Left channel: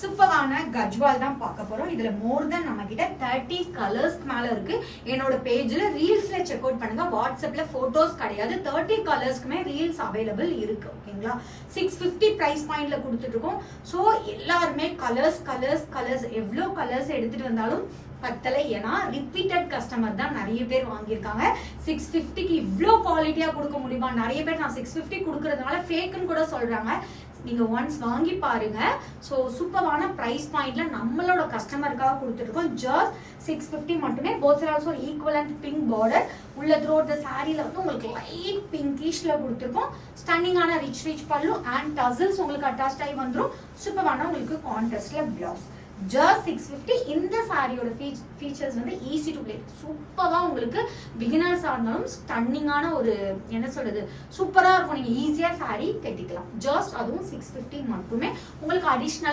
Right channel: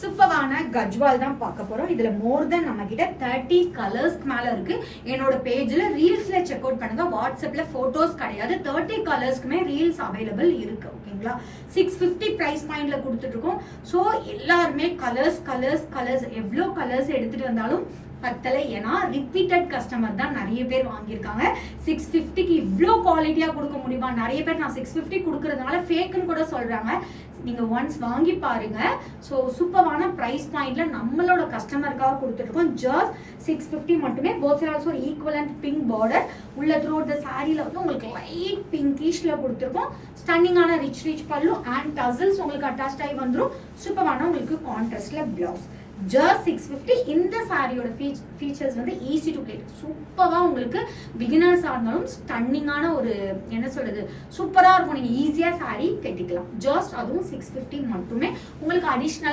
சூப்பரான கஜ்வால் தான் பார்க்க போறோம். இதுல மோர் தென் நம்ம கிட்ட 30 கலர்ஸ் மேல இருக்கு. என்னோட பேஜ்ல ரீல்ஸ்ல செக் அவுட் பண்ணுங்க. வாட்ஸ்அப்ல போட்டோஸ் கிடையாது. 30 கலர்ஸ்க்குமே ரீல்ஸ் அவைலபிள் இருக்கு. ஓகேங்களா? 650 பிரைஸ் பாயிண்ட்ல கொடுத்துட்டு இருக்கோம். ஸோ எல்லாருமே கலர்ஸ் எவ்வளோ கலர்ஸ் எடுத்துட்டு வந்தாலும் பத்தலை. ஏன்னா ரிப்பீட்டட் கஸ்டமர் தான் நிறைய பேர் வாங்கியிருக்காங்க. 650க்கு இவ்வளோ குவாலிட்டியா கொடுக்க முடியுமா? நிறைய பேர் நான் 650 கொடுக்கறதுனால ஃபேக்குன்னு கூட சொல்றாங்க. நீங்க ஒன்ஸ் வாங்கி பாருங்க. ஸோ சூப்பரான பிரைஸ் பாயிண்ட்ல நம்மளோட கஸ்டமருக்காக கொடுத்துருக்கோம். ஜஸ்ட் 650 மட்டுமே. Both side also equivalent pink border. உள்ள த்ரோட் த சாரியில வந்து உங்களுக்கு லைட் பிங்கிஷ்ல கொடுத்துருக்கோம். ஸ்டன்னிங்கான ரிச் பல்லு அண்ட் டசல்ஸ் உங்களுக்கு அட்டாச் ஆகி வந்துடும். சூப்பரான உங்களுக்கு கான்ட்ராஸ்ட்ல பிளவுஸ். ஜஸ்ட் 650. இந்த சாரியோட ஃபீச்சர்ஸ் வந்து ஈஸி டு பிளேட். சூப்பரா உங்களுக்கு பிகினர்ஸா இருந்தாலும் ஸ்டன்னிங்கான ஒரு என்ன சொல்றது சூப்பரா இருக்கும். நீங்க ஈஸியா சாரி கட்டிக்கலாம். ஜஸ்ட் அதுவும் 650 மட்டுமே. உங்களுக்கு அடிஷ்னலா